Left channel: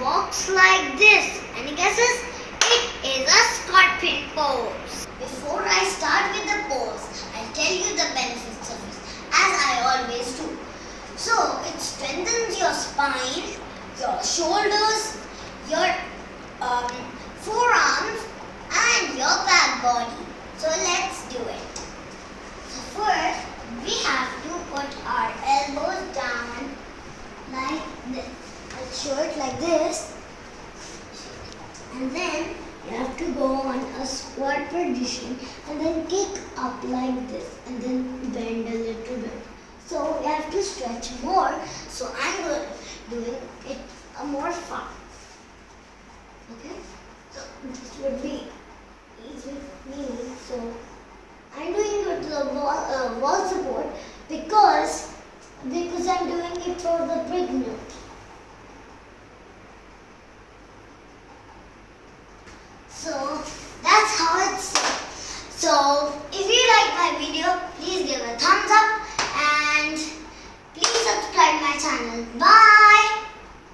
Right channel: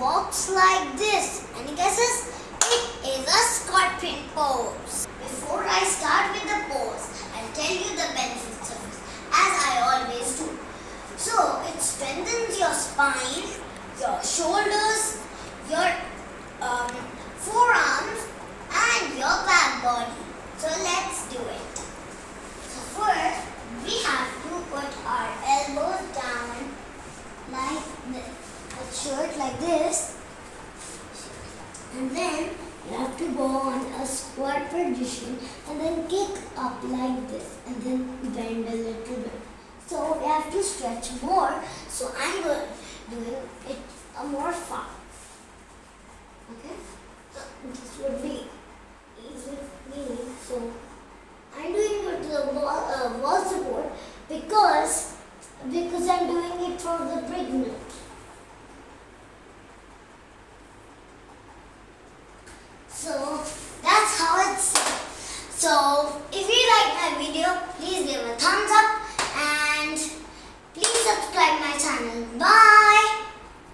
walks like this. Any guesses? It is a scorpion pose. Before I start with the pose, I'll tell you the benefits of it, as I always do. So, it strengthens your spine, your shoulders, your forearms and your back body. So, let's do it. So, first, we have to put our elbows down like this. Let's show it like this. And then you have to go on a squat position and then kick up like this and then bend a little bit. So you have to stretch more. So I'm doing it more far. Okay? So this would be easy for me. So I'm doing it with the wall support because I'm doing it for the beginners. So that's how it's done. So if you like my video, please give a thumbs up and please subscribe my channel. Bye.